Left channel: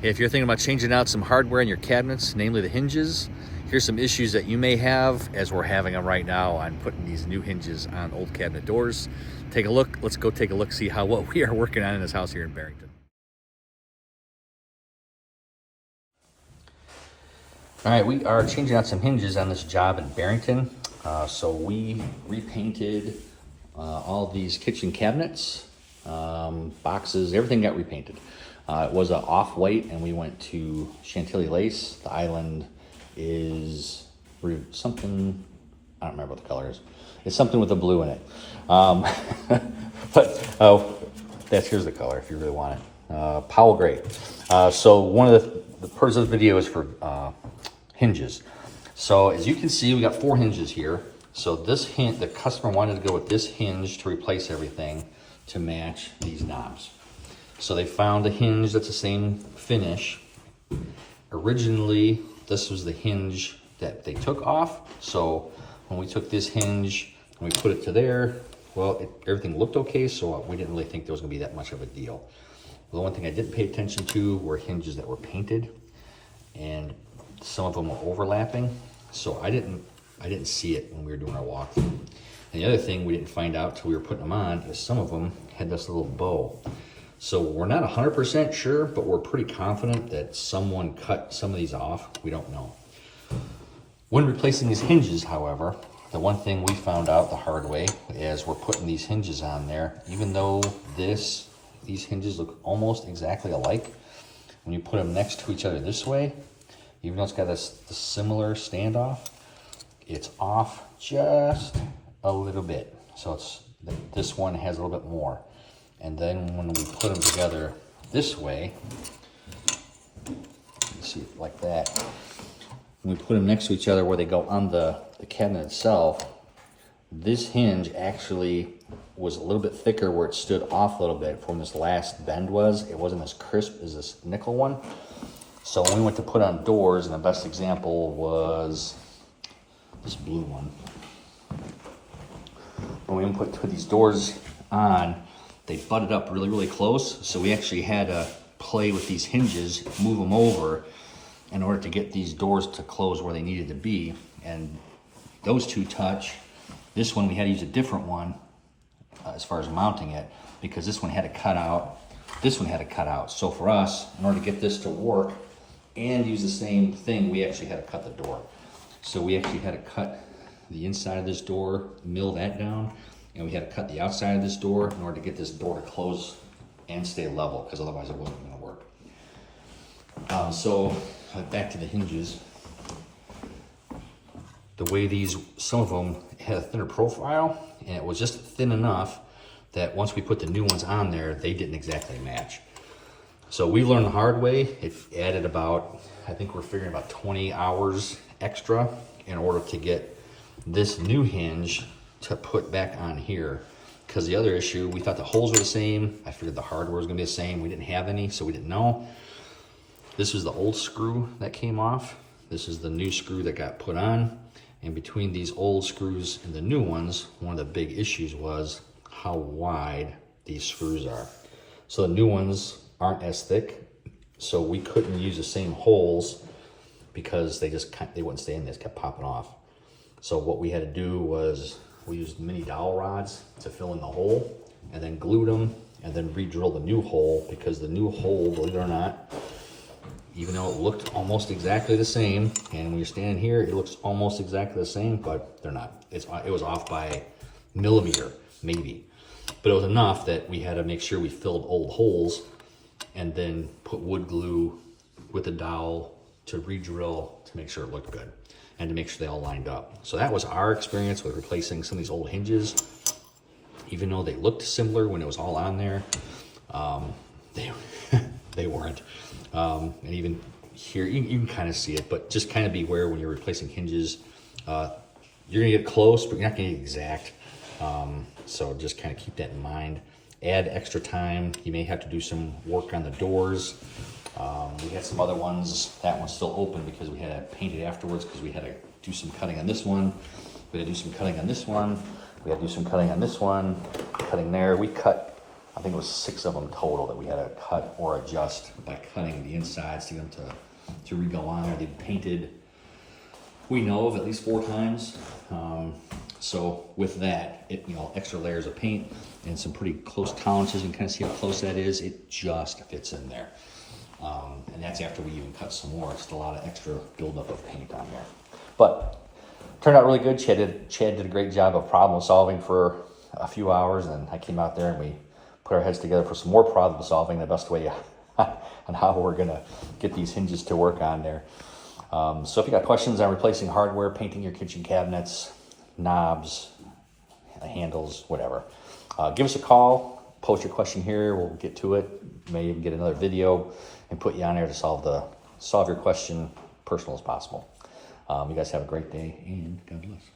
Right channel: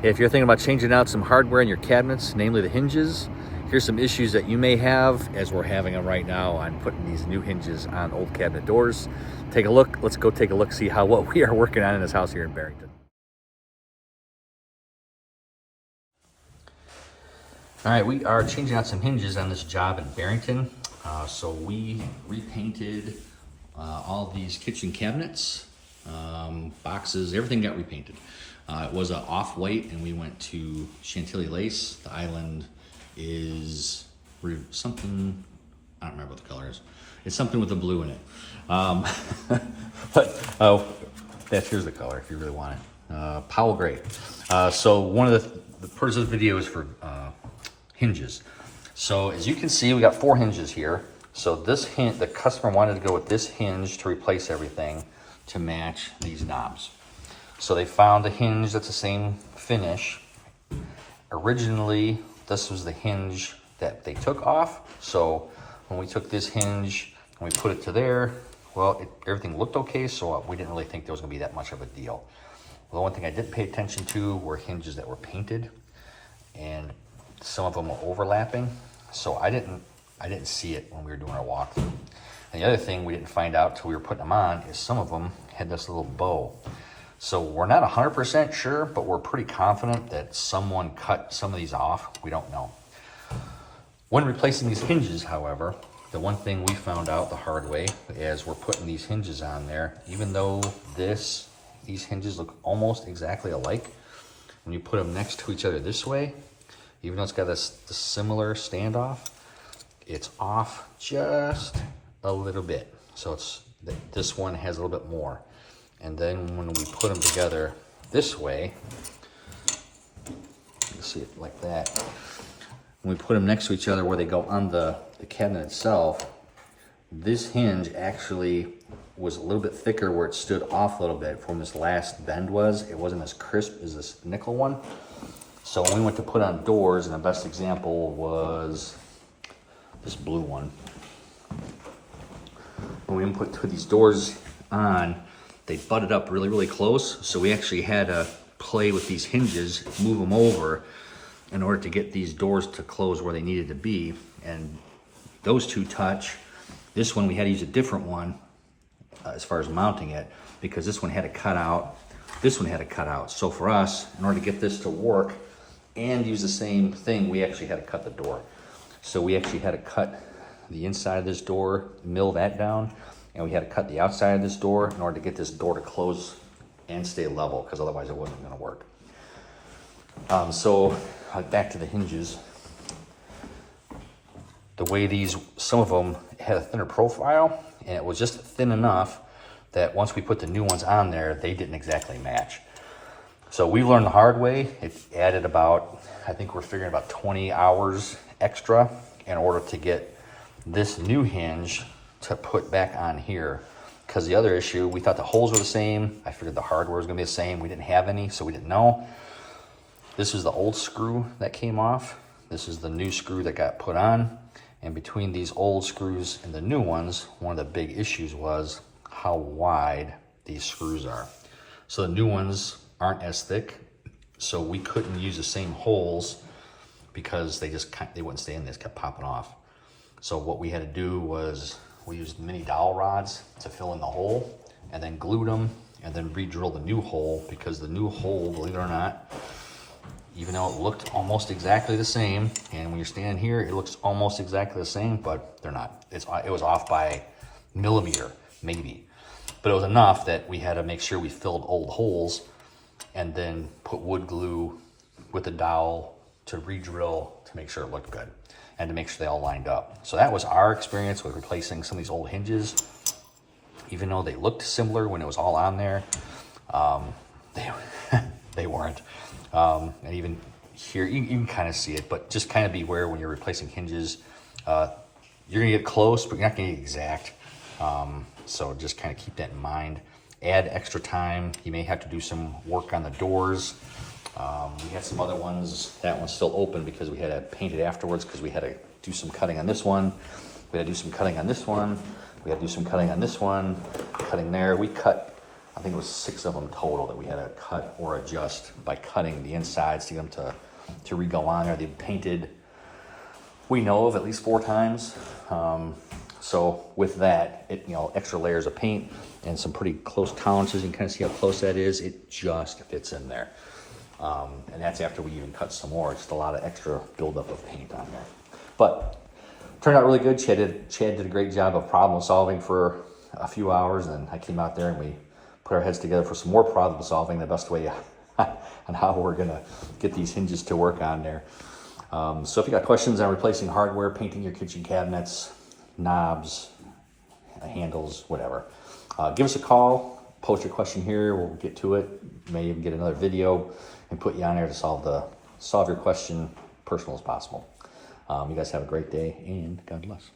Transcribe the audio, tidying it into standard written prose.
If you're thinking about changing out some hardware in your cabinets, namely the hinges, here's some issues that you may have, as we're having them right now on putting these new hinges on old cabinet doors. Take a look. Let's go take a look, see what we are working on in this house here in Barrington. All right, we are changing out some hinges on this job in Barrington. So we repainted all these kitchen cabinets, boxes, everything got repainted. It was an off-white, and we went to Chantilly lace. The island is something, I don't remember what the color is. It's something with a blue in it. Here's the color if you really want it. Powell gray. So one of the purpose of the video is for hinges. So as you can see, we got 4 hinges here. So the customer wanted to go with this hinge to replace everything to match these knobs. So they found a hinge that's the same finish. Originally, this was the hinge that they took off. So when we took this hinge and we put it to there, well, everything looked okay, so we didn't really think there was gonna be that much of a deal. The one thing I didn't pay attention to were hinges that were painted, and some of them were overlapping. So I didn't see it when we were doing our walkthrough. And the other thing we didn't find out till we were putting them on is some of them had this little bow. So we're not 100% sure, but we're pretty confident that someone cut some of these off. We don't know. When replacing these hinges, however, the one thing we found out the hard way is we're putting these hinges on there, even though these hinges look almost exactly alike, when you put them next to each other this way, even though it's got the similar standoff, it's off just a little bit. So this one has a little bit more. And then when we put them together this way, you see it like that. When we put them next to each other where they go on the cabinet itself, this hinge actually was a little bit thicker where it stood off a little bit from this last bend was. It wasn't as crisp as this nickel one. So when we went to put on doors, and the best example was this blue one. When we put these doors on, they butted up really, really close. So we actually had to play with these hinges, move them over in order to get these doors to close where they needed to be. And those two touch. This one, we had to use a different one as far as mounting it, because this one had to cut out, this one had to cut out. So for us, in order to get this to work and use the same thing, we actually had to cut the door. So we actually had to cut the inside of this door, mill that down, and we had to cut the outside of this door in order to get this door to close and stay level, because otherwise it wasn't going to work. So back to the hinges. The way some of them had a thinner profile, and it was just thin enough that once we put the new ones on there, they didn't exactly match. So we learned the hard way. It added about, I think we're figuring about 20 hours extra in order to get this new hinge to put back on here. Because the other issue, we thought the holes were the same. I figured the hardware was gonna be the same. We didn't have any, so we didn't know. This is the old screw that came off. This is the new screw that got put on. And between these old screws and the new ones, one of the big issues was how wide these screws are. So the new ones aren't as thick, so we couldn't use the same holes because they wouldn't stay in, they just kept popping off. So what we had to do was we used mini dowel rods to fill in the hole, and then glued them, and then re-drill the new hole, because the new hole, believe it or not, even though it looked almost exactly the same, and when you're standing here, it looks almost exactly the same, but they're not. It was off by a millimeter, maybe. But it was enough that we had to make sure we filled old holes and then put wood glue with the dowel to re-drill to make sure it looked good and to make sure they all lined up. So that was our experience with replacing some of these old hinges. Even though they looked similar when it was all on there, they weren't. And even here, you can kind of see it, but just kind of beware when you're replacing hinges. You're gonna get close, but you're not gonna get exact. So just kind of keep that in mind. Add extra time. You may have to do some work on the doors. We had some other ones. That one's still open because we had to paint it afterwards, because we had to do some cutting on this one. We had to do some cutting on this one. We had to do some cutting on this one, cutting there. We cut I think it was 6 of them total that we had to cut or adjust by cutting the insides to get them to re-go on there. They painted, we know of, at least 4 times. So with that, extra layers of paint and some pretty close tolerances, you can kind of see how close that is. It just fits in there. And that's after we even cut some more. It's just a lot of extra buildup of paint on there. But turned out really good. Chad did a great job of problem solving for a few hours, and I came out there and we put our heads together for some more problem solving, the best way and how we're gonna get these hinges to work on there. So if you got questions on replacing hardware, painting your kitchen cabinets, knobs, handles, whatever, give us a call, post your question here, we'll get to it. May even get another video and put you on there to solve your question personal as possible. You guys have a great day, and God bless.